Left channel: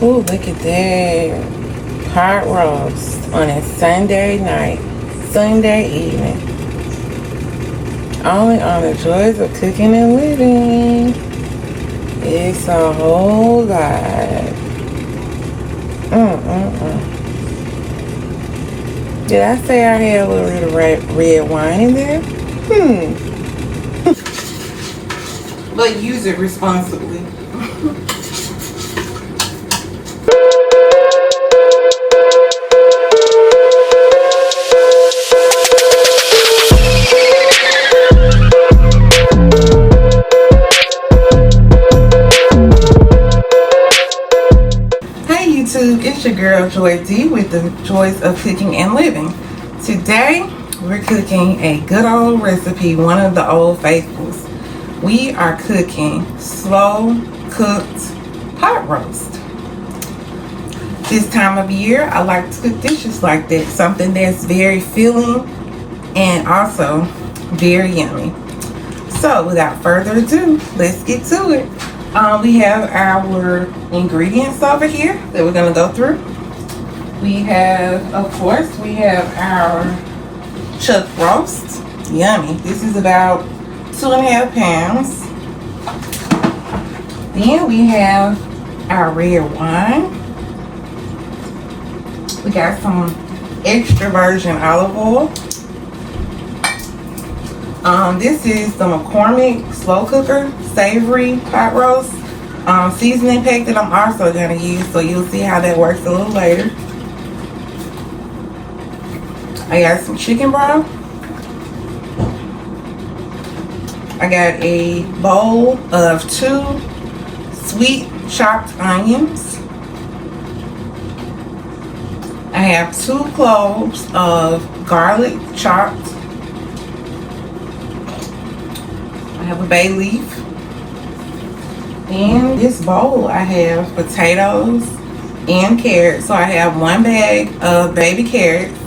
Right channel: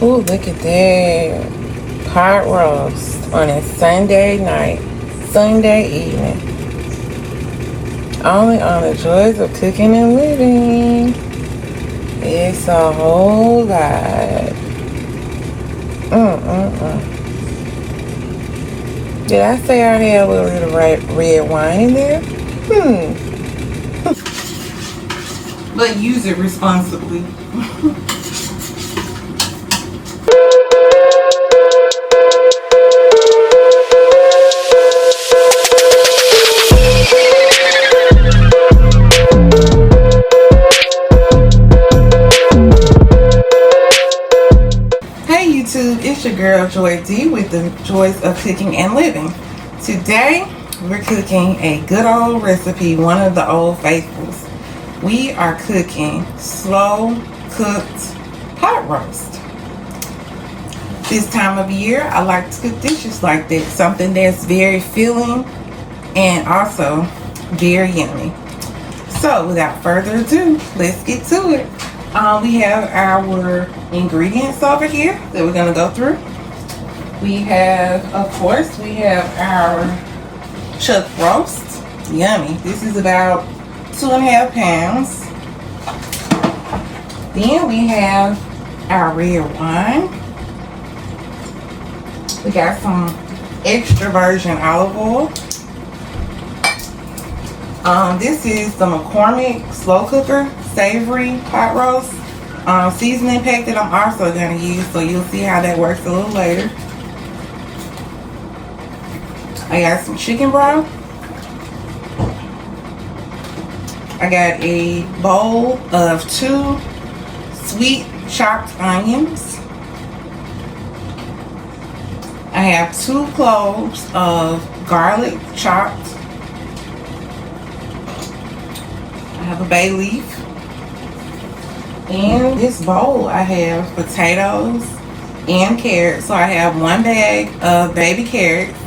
Ooh, look at that. Pot roast on a Sunday night, Sunday evening. Only on the Joys of Cooking and Living. It's a whole lot. Did I say I had a little bit of red wine in there? But use it responsibly. It's your girl Joy D with the Joys of Cooking and Living. Today we're cooking a good old recipe, one of the old faithfuls. We are cooking slow cooked pot roast. This time of year I like to cook dishes like that, something that's very filling and also very yummy. So without further ado, let's get to it. We have our ingredients over here that we're going to go through. We have, of course, our chuck roast. Yummy. This is about 2.5 pounds. Then we have our red wine. We got some extra virgin olive oil. This is the McCormick slow cooker savory pot roast seasoning pack that I'm also going to use, so you'll see how that works a little later. I got some chicken broth. I got a bowl of 2 sweet chopped onions. I have 2 cloves of garlic chopped. I have a bay leaf. In this bowl, I have potatoes and carrots. So I have 1 bag of baby carrots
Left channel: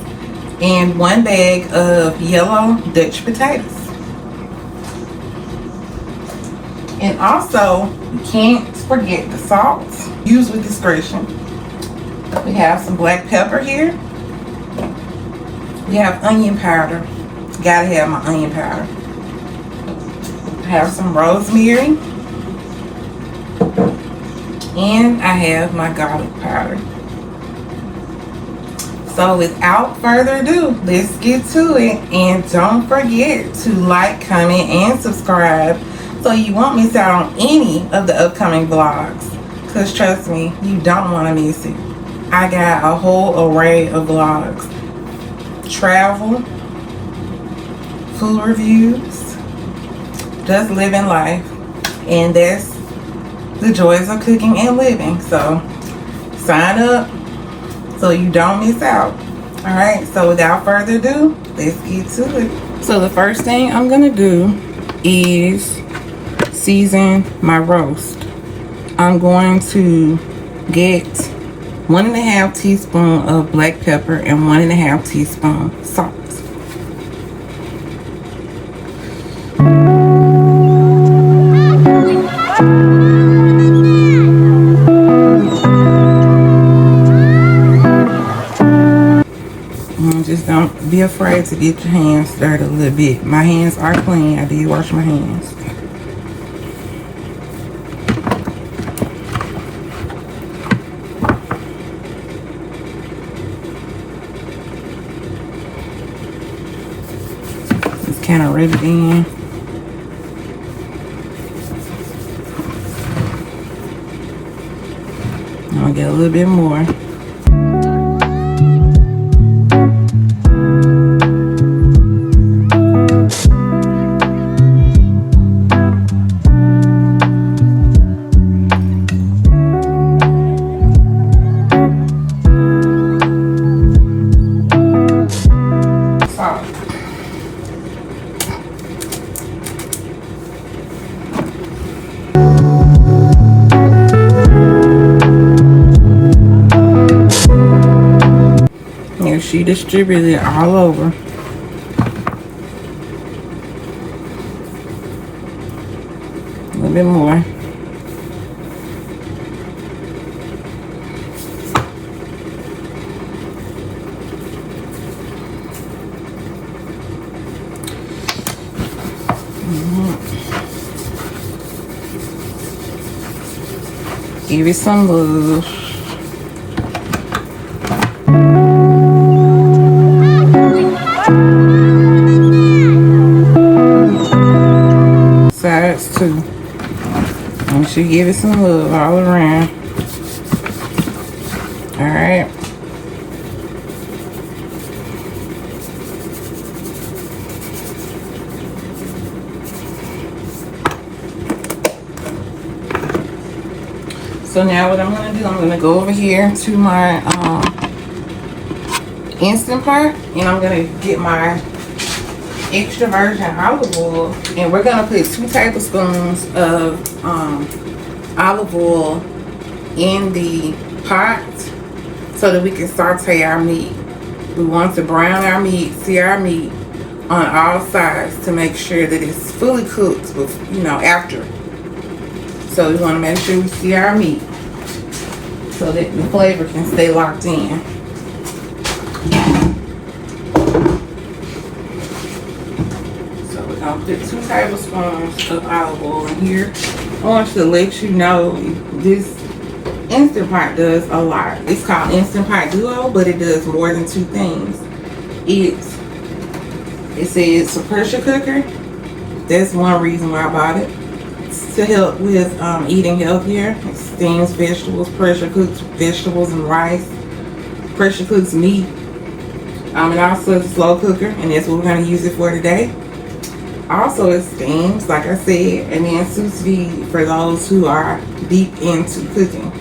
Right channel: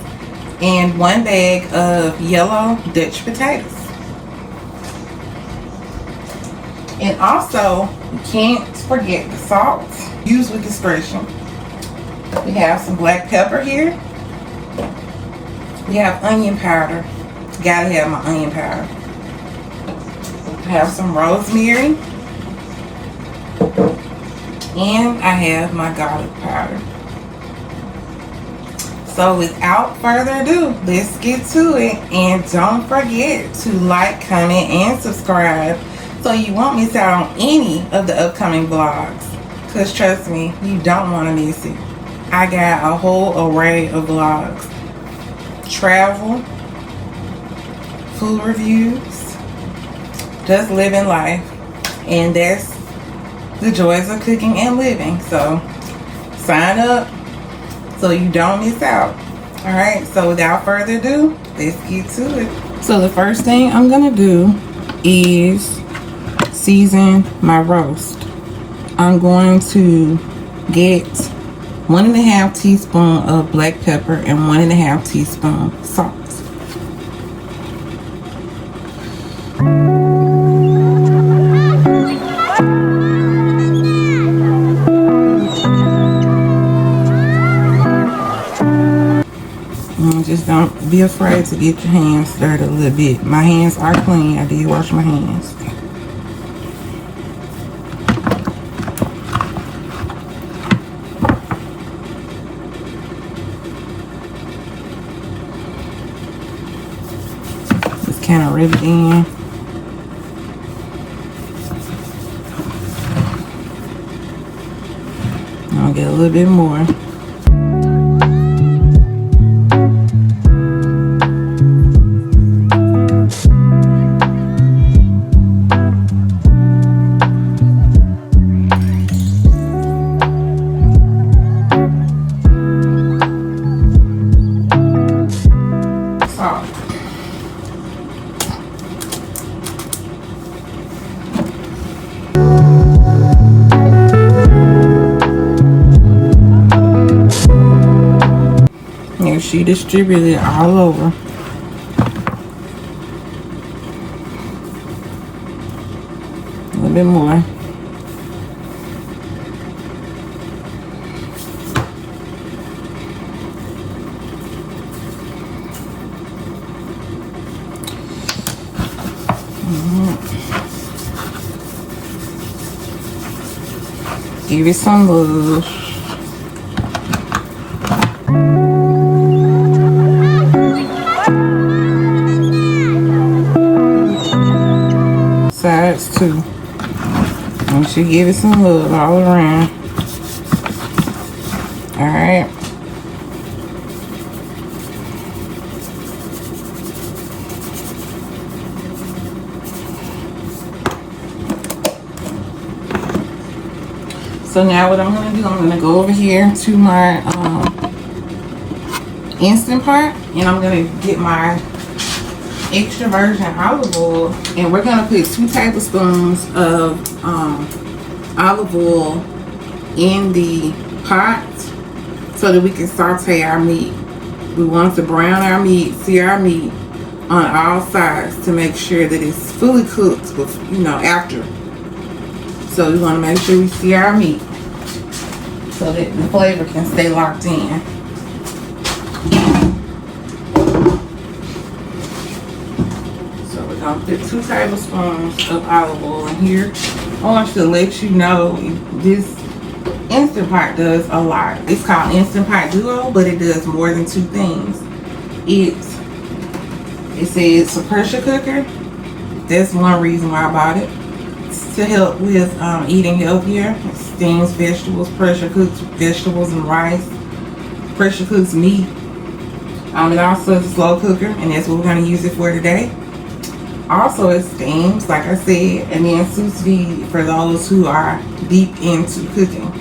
and 1 bag of yellow Dutch potatoes. And also, you can't forget the salt. Use with discretion. We have some black pepper here. We have onion powder. Gotta have my onion powder. I have some rosemary. And I have my garlic powder. So without further ado, let's get to it. And don't forget to like, comment, and subscribe so you won't miss out on any of the upcoming vlogs. Because trust me, you don't want to miss it. I got a whole array of vlogs. Travel, food reviews, just living life. And that's the Joys of Cooking and Living. So sign up so you don't miss out. Alright, so without further ado, let's get to it. So the first thing I'm gonna do is season my roast. I'm going to get 1.5 teaspoons of black pepper and 1.5 teaspoons salt. Just don't be afraid to get your hands dirty a little bit. My hands are clean. I did wash my hands. Just kind of rub it in. I'll get a little bit more. She distributed it all over. A little bit more. Give it some love. Sides too. You should give it some love all around. Alright. So now what I'm going to do, I'm going to go over here to my Instant Pot, and I'm going to get my extra virgin olive oil, and we're going to put 2 tablespoons of olive oil in the pot so that we can saute our meat. We want to brown our meat, sear our meat on all sides to make sure that it's fully cooked with, after. So we want to make sure we sear our meat so that the flavor can stay locked in. So we're going to put 2 tablespoons of olive oil in here. I want to let you know this Instant Pot does a lot. It's called Instant Pot Duo, but it does more than 2 things. It says it's a pressure cooker. That's one reason why I bought it. It's to help with eating healthier. It steams vegetables, pressure cooks vegetables and rice, pressure cooks meat. And also it's a slow cooker, and that's what we're going to use it for today. Also, it steams, like I said, and then sous vide for those who are deep into cooking.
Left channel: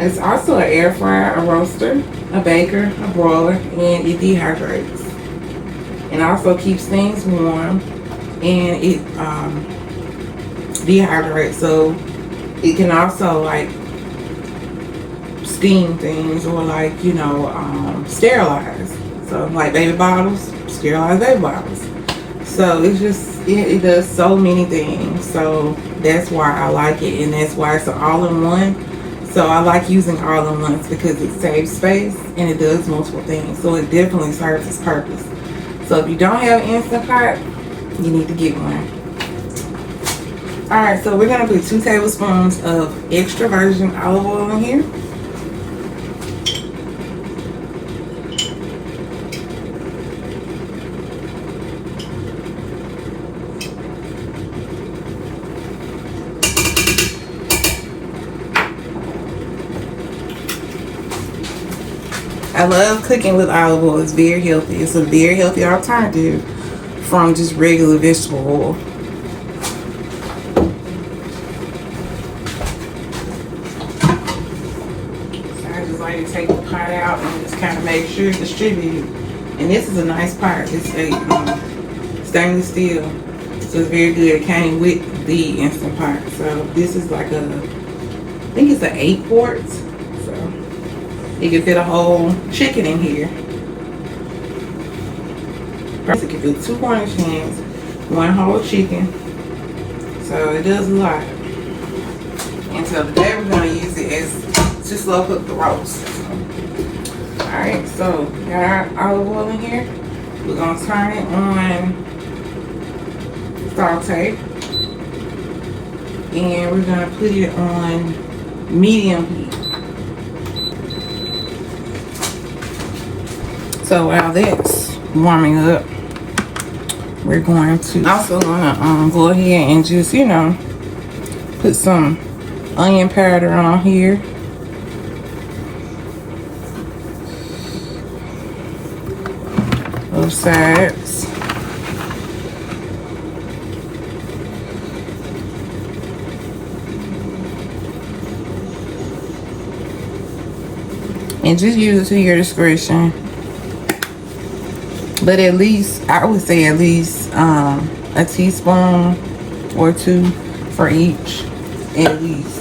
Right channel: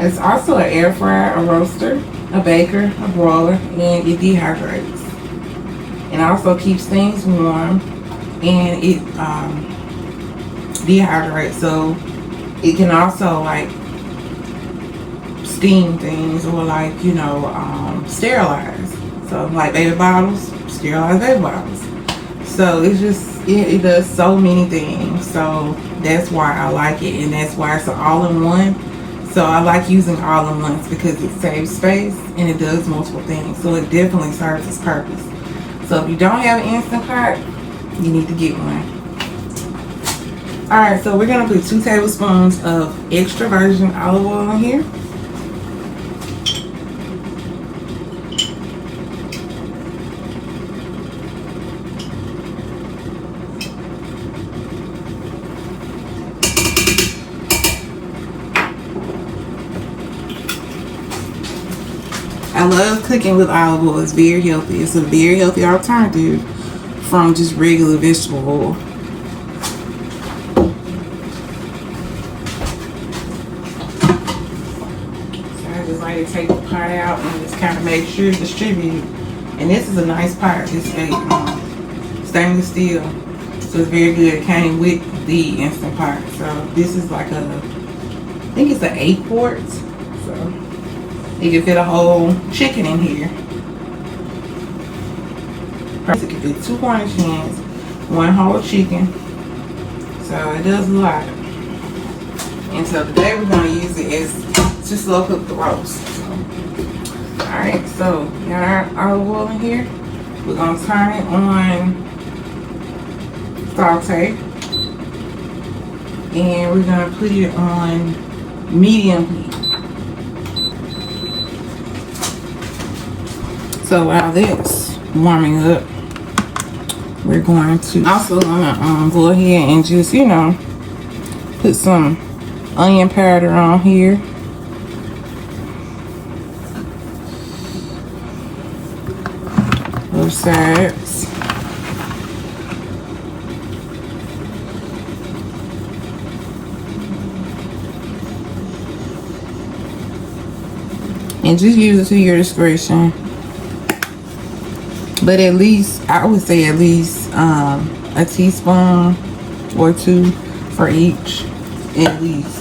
It's also an air fryer, a roaster, a baker, a broiler, and it dehydrates. It also keeps things warm, and it dehydrates, so it can also like steam things or like sterilize. So like baby bottles, sterilize baby bottles. So it's just it does so many things. So that's why I like it, and that's why it's an all-in-one. So I like using all-in-ones because it saves space and it does multiple things. So it definitely serves its purpose. So if you don't have an Instant Pot, you need to get one. Alright, so we're going to put 2 tablespoons of extra virgin olive oil in here. I love cooking with olive oil. It's very healthy. It's a very healthy alternative from just regular vegetable oil. So I just like to take the pot out and just kind of make sure it's distributed. And this is a nice pot. It's a stainless steel, so it's very good. It came with the Instant Pot. So this is like I think it's an 8 quart. You can fit a whole chicken in here. First, you can fit 2 Cornish hens, 1 whole chicken. So it does a lot. And so today we're going to use it as to slow cook the roast. Alright, so we got our olive oil in here. We're going to turn it on saute. And we're going to put it on medium heat. So while that's warming up, we're going to also go ahead and just put some onion powder on here. Both sides. And just use it to your discretion. But at least, I would say at least a teaspoon or 2 for each, at least.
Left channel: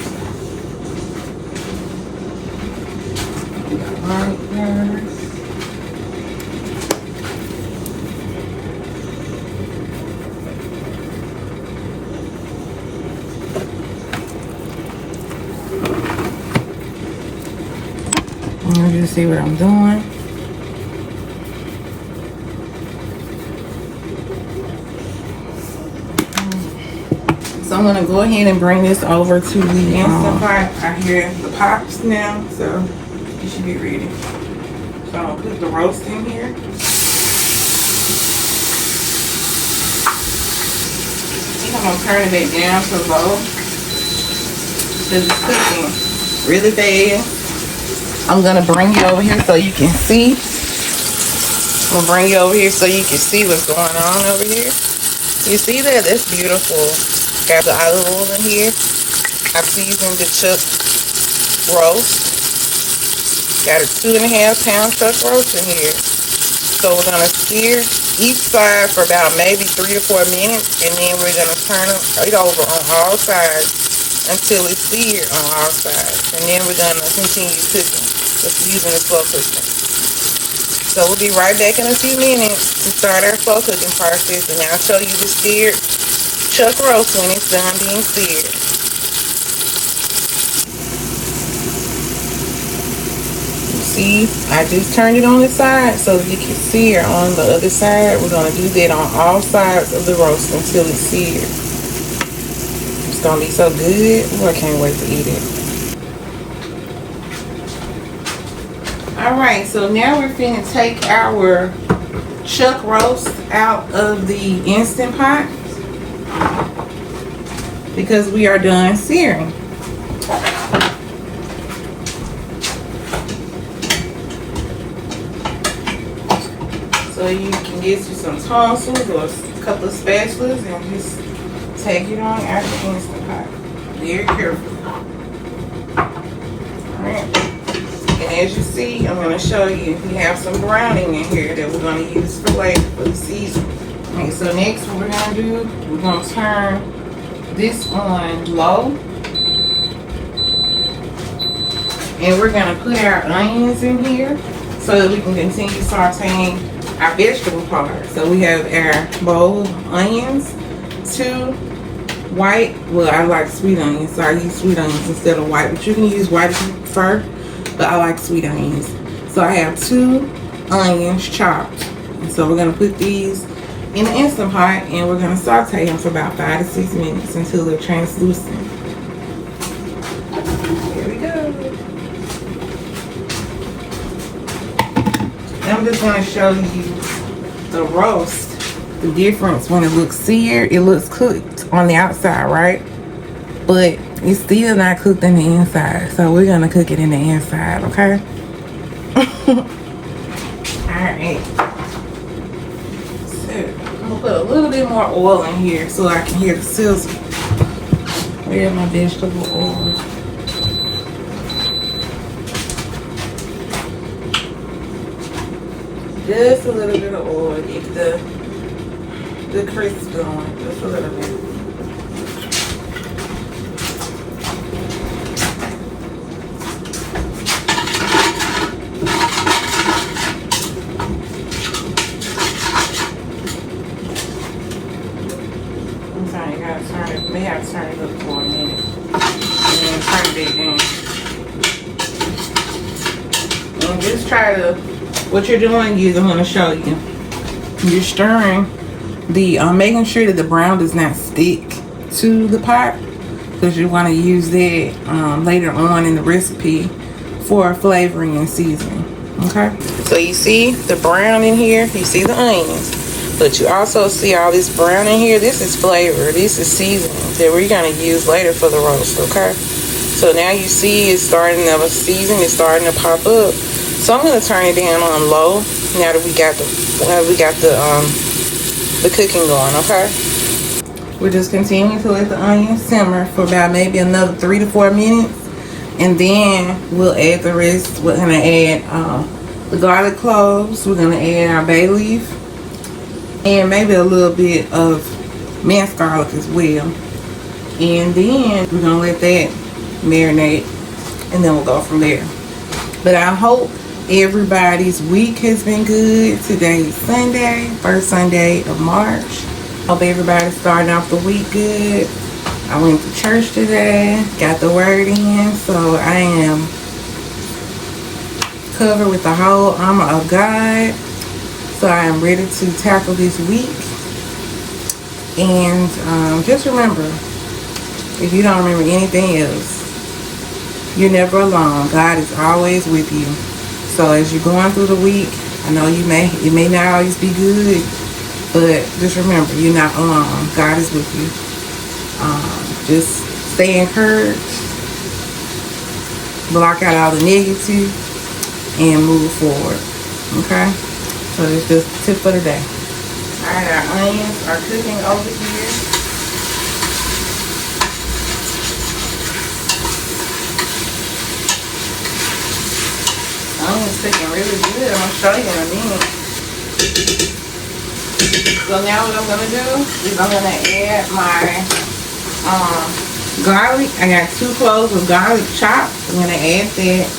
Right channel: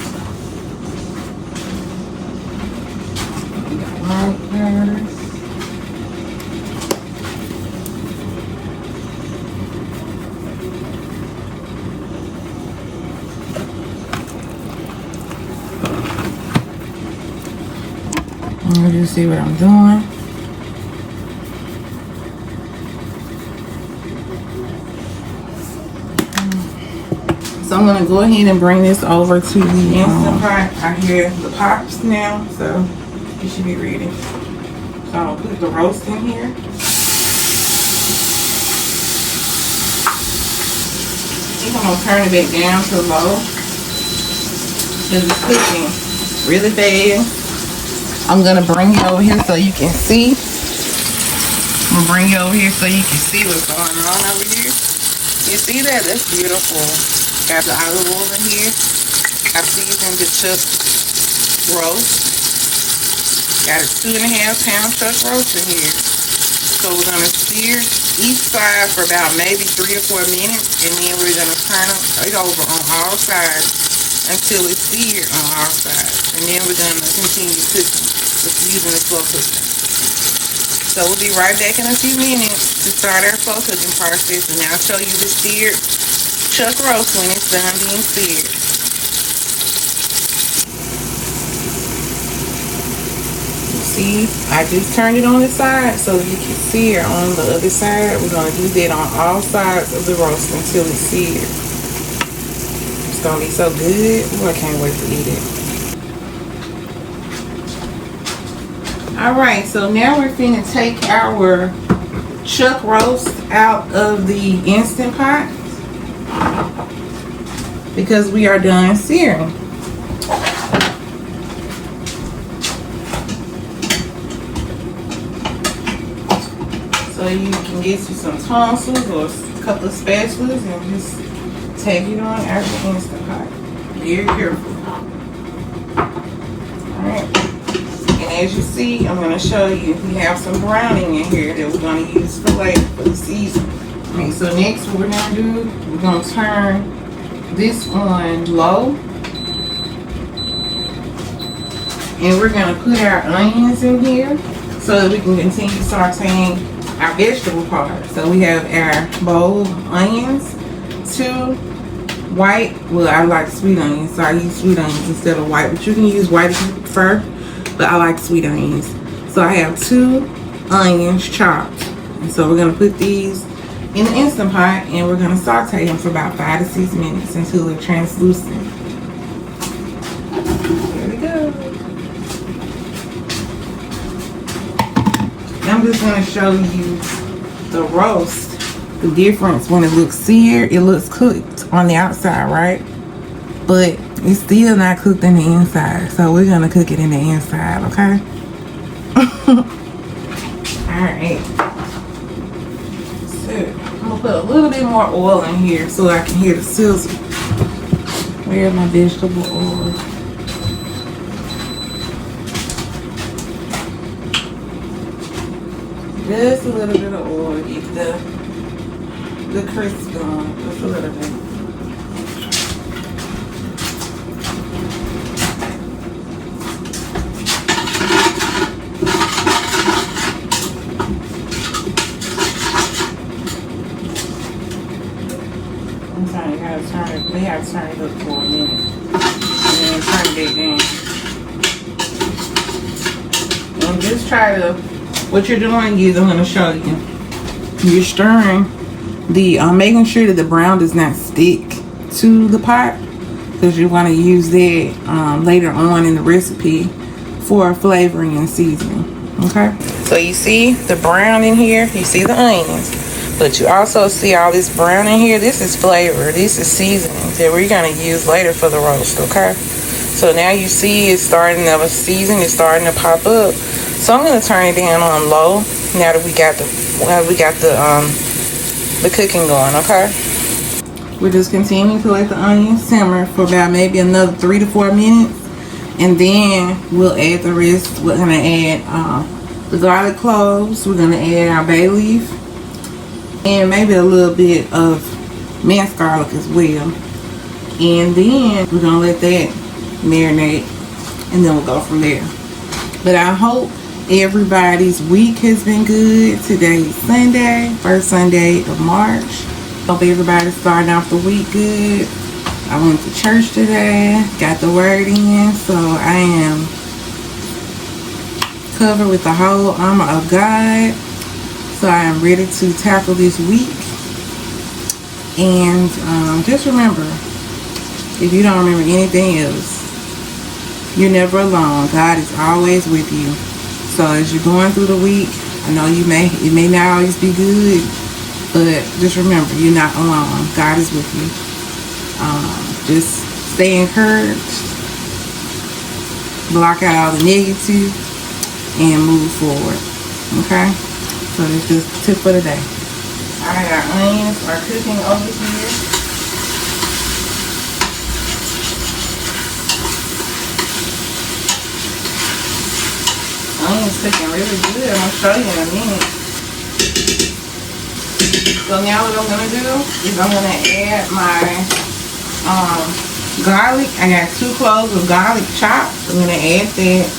Let me just see what I'm doing. So I'm going to go ahead and bring this over to the Instant Pot. I hear the pops now, so it should be ready. So I'm gonna put the roast in here. I think I'm gonna turn it back down to low because it's cooking really fast. I'm gonna bring you over here so you can see. I'm gonna bring you over here so you can see what's going on over here. You see that? That's beautiful. Got the olive oil in here. I seasoned the chuck roast. Got a 2.5-pound chuck roast in here. So we're gonna sear each side for about maybe 3 to 4 minutes, and then we're gonna turn it over on all sides until it's seared on all sides, and then we're gonna continue cooking with using the slow cooker. So we'll be right back in a few minutes to start our slow cooking process, and I'll show you the seared chuck roast when it's done being seared. See, I just turned it on the side so you can sear on the other side. We're gonna do that on all sides of the roast until it's seared. It's gonna be so good. Ooh, I can't wait to eat it. All right, so now we're finna take our chuck roast out of the Instant Pot because we are done searing. So you can get you some tonsils or a couple of spatulas and just take it on out of the Instant Pot. Very careful. Alright. And as you see, I'm going to show you, we have some browning in here that we're going to use for later for the season. Okay, so next what we're going to do, we're going to turn this on low. And we're going to put our onions in here so that we can continue sauteing our vegetable part. So we have our bowl of onions, 2 white, well I like sweet onions, so I use sweet onions instead of white, but you can use white if you prefer, but I like sweet onions. So I have 2 onions chopped, and so we're gonna put these in the Instant Pot and we're gonna saute them for about 5 to 6 minutes until they're translucent. There we go. I'm just going to show you the roast, the difference when it looks seared. It looks cooked on the outside, right? But it's still not cooked in the inside. So we're going to cook it in the inside, okay? Alright. So I'm going to put a little bit more oil in here so I can hear the sizzle. Where's my vegetable oil? Just a little bit of oil, get the crisp going, just a little bit. Sometimes you gotta turn it, may have to turn it up for a minute. And then turn it back down. And just try to, what you're doing is, I'm going to show you. You're stirring the, making sure that the brown does not stick to the pot, because you want to use that later on in the recipe for flavoring and seasoning. Okay. So you see the brown in here. You see the onions, but you also see all this brown in here. This is flavor. This is seasoning that we're going to use later for the roast. Okay. So now you see it's starting to season. It's starting to pop up. So I'm gonna turn it down on low now that we got the cooking going, okay? We're just continuing to let the onions simmer for about maybe another 3 to 4 minutes, and then we'll add the rest. We're gonna add the garlic cloves. We're gonna add our bay leaf, and maybe a little bit of minced garlic as well. And then we're gonna let that marinate, and then we'll go from there. But I hope everybody's week has been good. Today is Sunday, first Sunday of March. Hope everybody's starting off the week good. I went to church today, got the word in, so I am covered with the whole armor of God. So I am ready to tackle this week. And just remember, If you don't remember anything else, you're never alone. God is always with you. So as you're going through the week, I know it may not always be good, but just remember, you're not alone. God is with you. Just stay encouraged, block out all the negative, and move forward. Okay? So this is the tip for the day. Alright, our onions are cooking over here. Onions cooking really good. I'm gonna show you in a minute. So now what I'm gonna do is I'm gonna add my garlic. I got 2 cloves of garlic chopped. I'm gonna add that.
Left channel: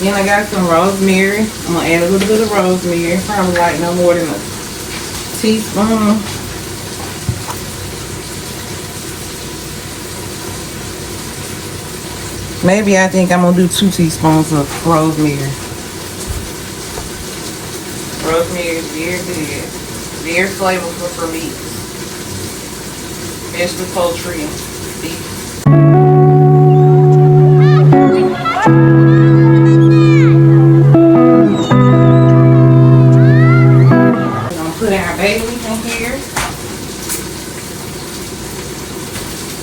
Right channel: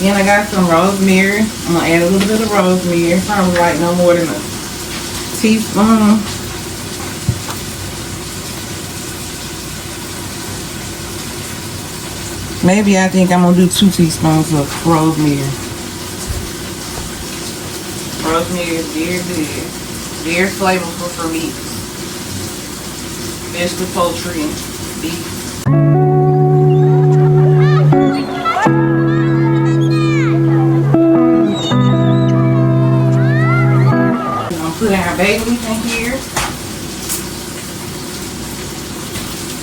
Then I got some rosemary. I'm gonna add a little bit of rosemary. Probably like no more than a teaspoon. Maybe I think I'm gonna do 2 teaspoons of rosemary. Rosemary is very good. Very flavorful for meat. Especially poultry and beef. We're gonna put our bay leaf in here.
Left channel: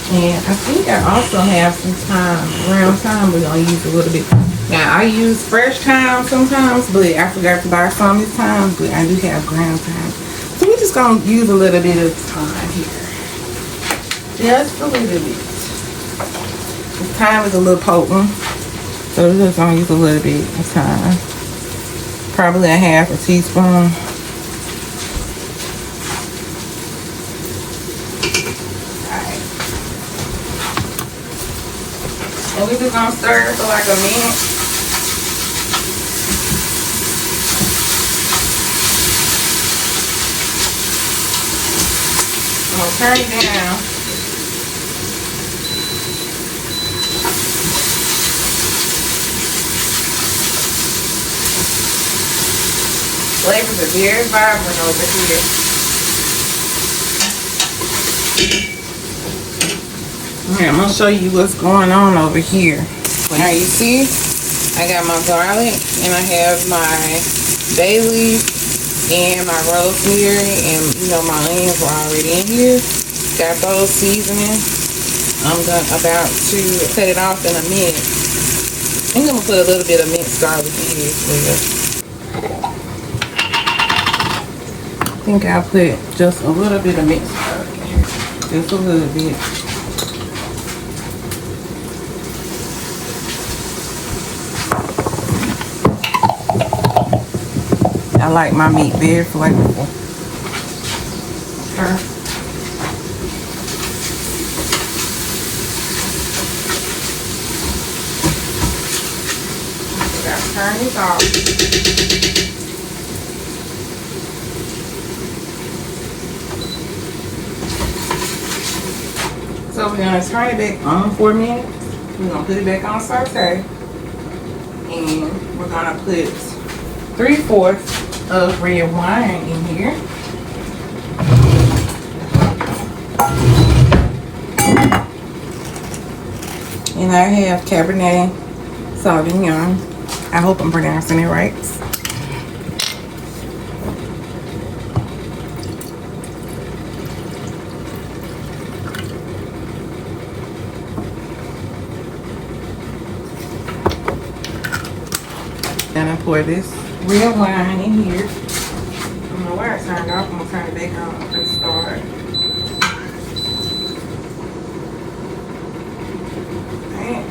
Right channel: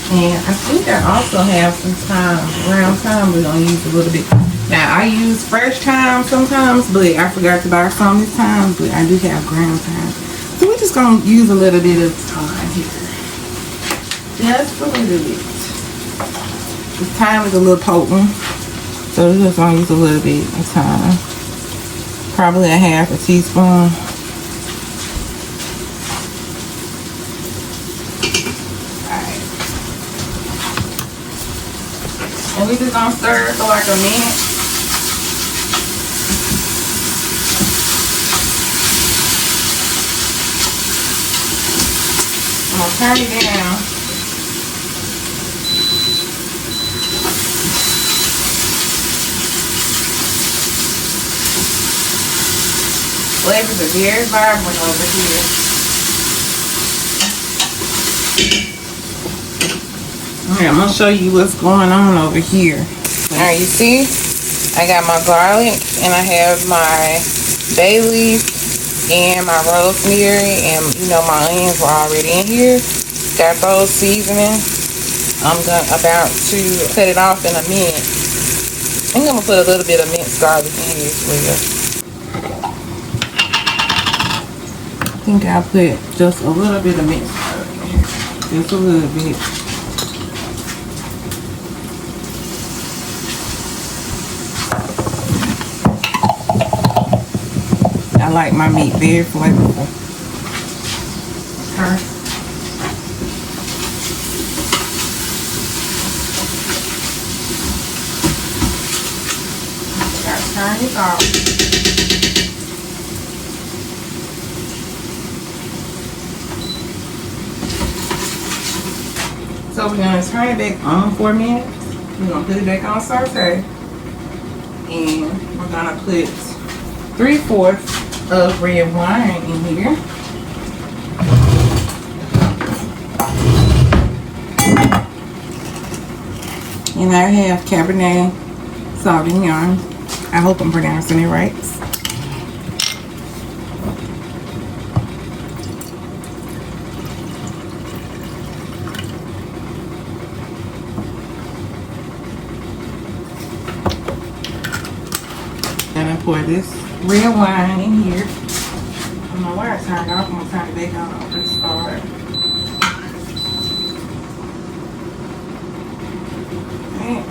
And I think I also have some thyme. Around thyme, we're gonna use a little bit. Now I use fresh thyme sometimes, but I forgot to buy some this time. But I do have ground thyme, so we're just gonna use a little bit of thyme here. Just a little bit. The thyme is a little potent, so we're just gonna use a little bit of thyme. Probably a half a teaspoon. We're just gonna stir for like a minute. I'm gonna turn it down. Flavors are very vibrant over here. Okay, I'm gonna show you what's going on over here. Alright, you see, I got my garlic and I have my bay leaf and my rosemary, and my onions were already in here. Got those seasoning. I'm about to cut it off in a minute. I'm gonna put a little bit of minced garlic in here as well. I think I'll put just a little bit of minced garlic in here. Just a little bit. I like my meat very flavorful. Okay. I got to turn this off. So we're going to turn it back on for a minute. We're going to put it back on saute. And we're going to put 3/4 of red wine in here. And I have Cabernet Sauvignon. I hope I'm pronouncing it right. And I pour this red wine in here. I don't know why I turned it off. I'm gonna turn it back on for the start. Right.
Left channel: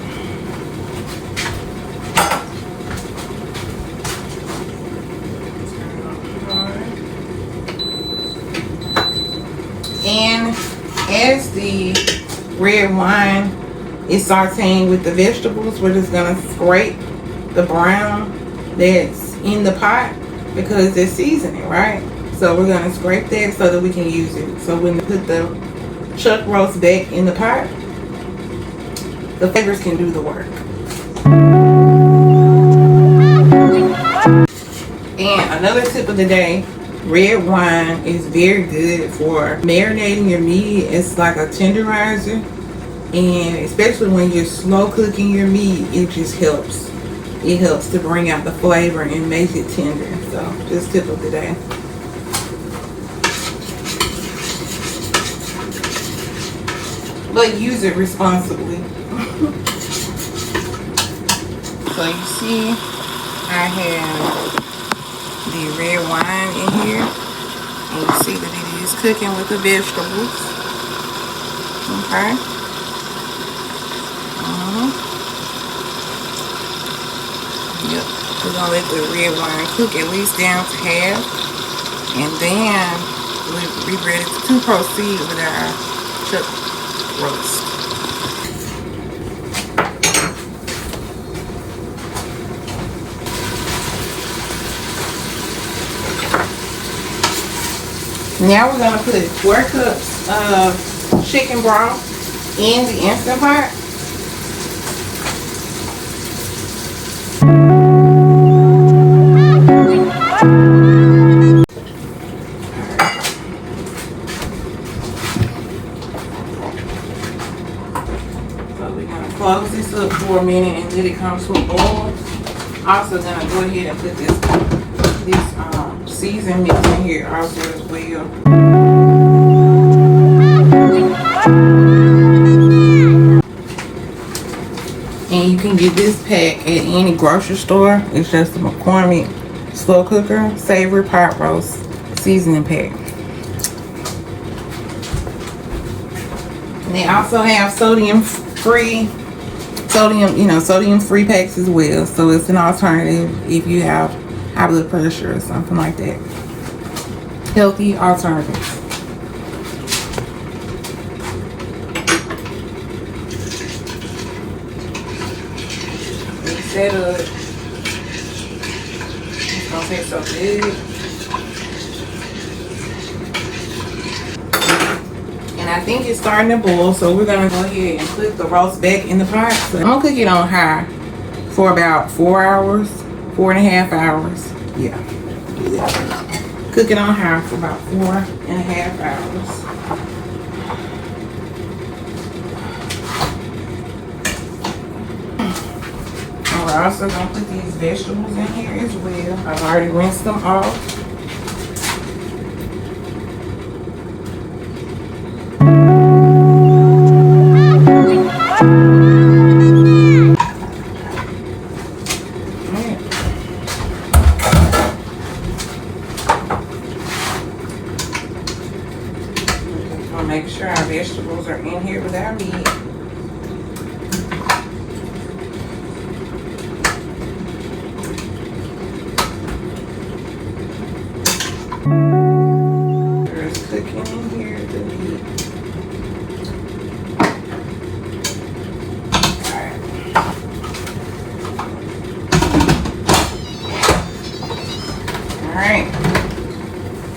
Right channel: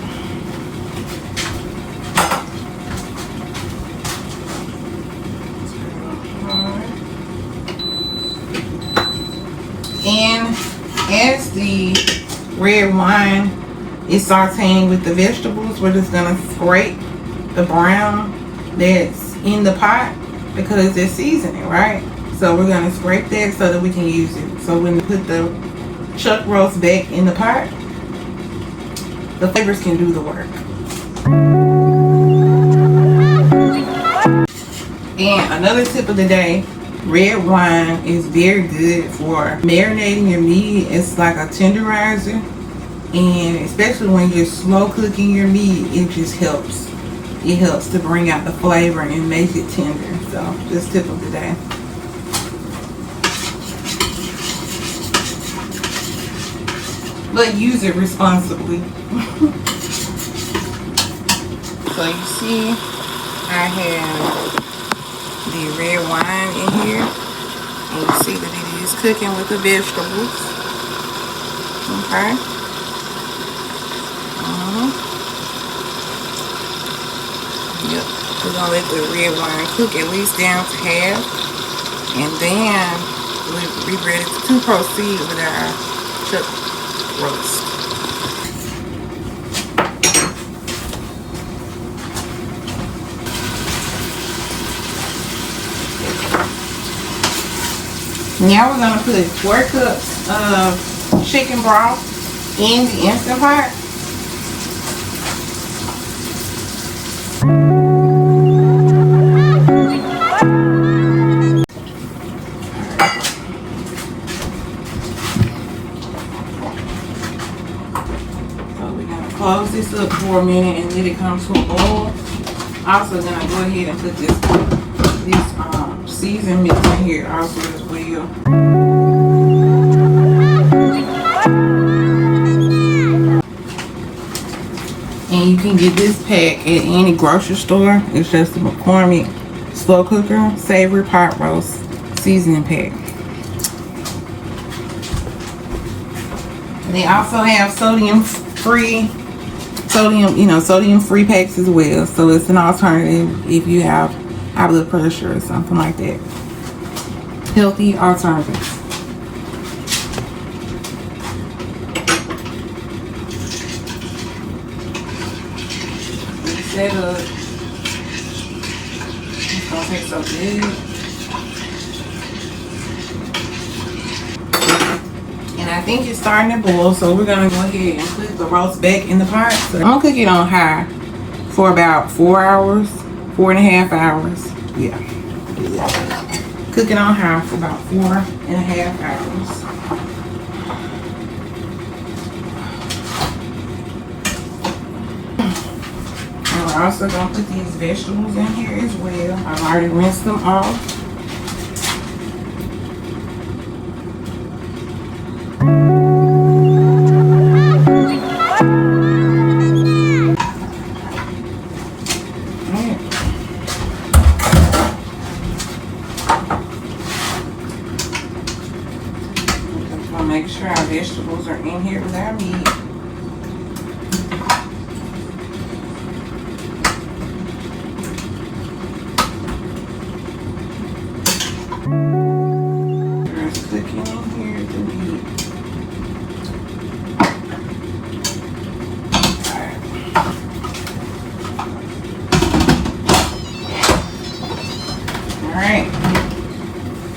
And as the red wine is sauteing with the vegetables, we're just gonna scrape the brown that's in the pot because it's seasoning, right? So we're gonna scrape that so that we can use it. So when we put the chuck roast back in the pot, the flavors can do the work. And another tip of the day Red wine is very good for marinating your meat. It's like a tenderizer, and especially when you're slow cooking your meat, it just helps. It helps to bring out the flavor and make it tender. So just tip of the day. But use it responsibly. So you see, I have the red wine in here, and you see that it is cooking with the vegetables. Okay. Yep. We're gonna let the red wine cook at least down to half, and then we'll be ready to proceed with our chuck roast. Now we're gonna put 4 cups of chicken broth in the Instant Pot. So we're gonna close this up for a minute and let it come to a boil. Also gonna go ahead and put this season mix in here also as well. And you can get this pack at any grocery store. It's just a McCormick slow cooker savory pot roast seasoning pack. They also have sodium free packs as well. So it's an alternative if you have high blood pressure or something like that. Healthy alternatives. Set up. It's gonna taste so good. And I think it's starting to boil, so we're gonna go ahead and put the roast back in the pot. So I'm gonna cook it on high for about 4 hours, 4.5 hours. Yeah. Cook it on high for about 4.5 hours. We're also gonna put these vegetables in here as well. I've already rinsed them off. Make sure our vegetables are in here with our meat. There's cooking in here, the meat. Alright.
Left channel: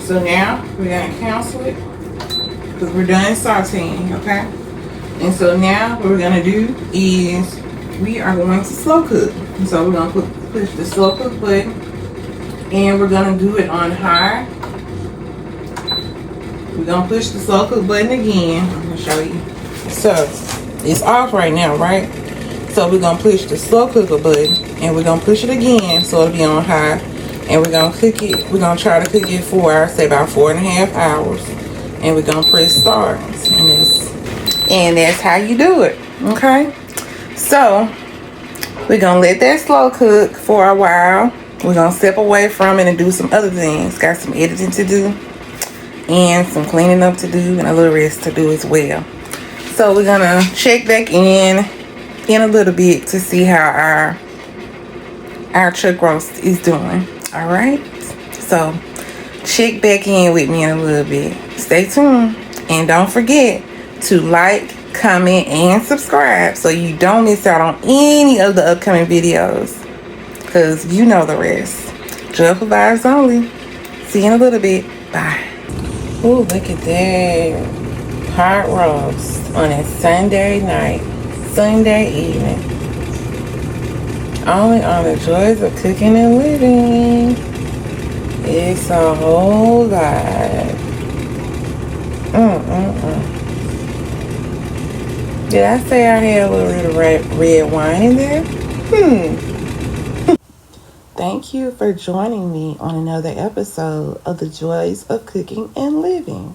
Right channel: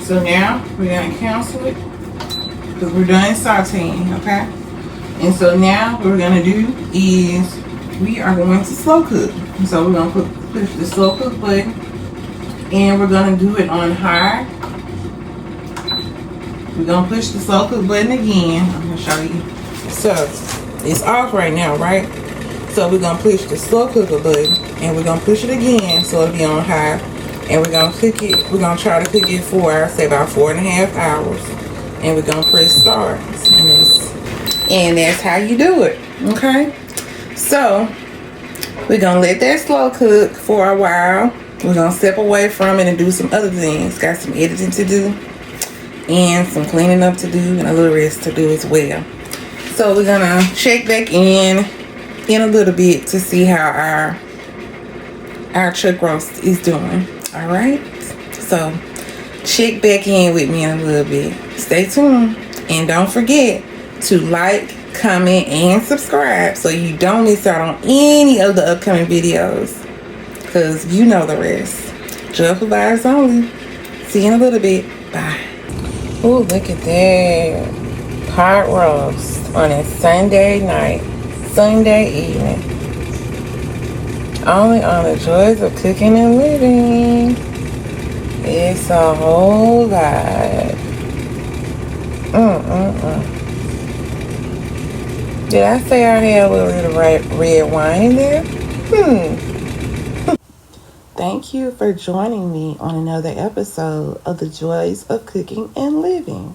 So now we're going to cancel it, because we're done sauteing, okay? And so now what we're gonna do is we are going to slow cook. And so we're gonna push the slow cook button, and we're gonna do it on high. We're gonna push the slow cook button again. I'm gonna show you. So it's off right now, right? So we're gonna push the slow cooker button, and we're gonna push it again so it'll be on high, and we're gonna cook it. We're gonna try to cook it for, I'd say, about 4.5 hours. And we're gonna press start, and that's how you do it. Okay, so we're gonna let that slow cook for a while. We're gonna step away from it and do some other things. Got some editing to do and some cleaning up to do and a little rest to do as well. So we're gonna check back in a little bit to see how our chuck roast is doing. All right, so check back in with me in a little bit. Stay tuned, and don't forget to like, comment, and subscribe so you don't miss out on any of the upcoming videos, because you know the rest. Joyful vibes only. See you in a little bit. Bye. Ooh, look at that pot roast on a Sunday night, Sunday evening. Only on the Joys of Cooking and Living. It's a whole lot. Did I say I had a little bit of red wine in there? Thank you for joining me on another episode of The Joys of Cooking and Living.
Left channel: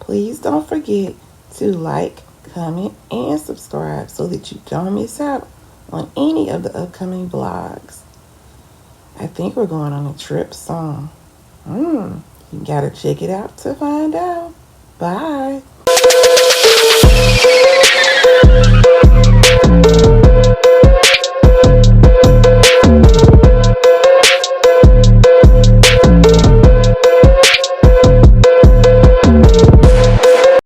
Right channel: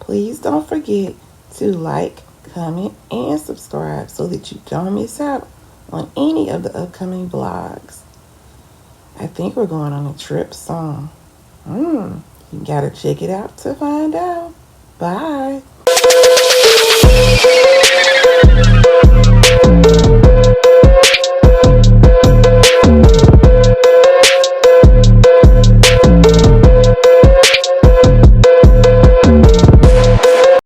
Please don't forget to like, comment, and subscribe so that you don't miss out on any of the upcoming vlogs. I think we're going on a trip soon. You gotta check it out to find out. Bye.